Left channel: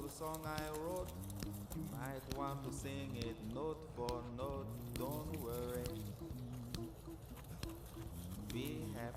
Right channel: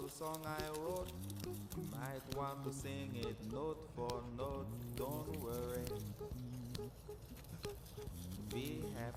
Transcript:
little song I wrote. You might want to sing it note for note. Don't worry, we have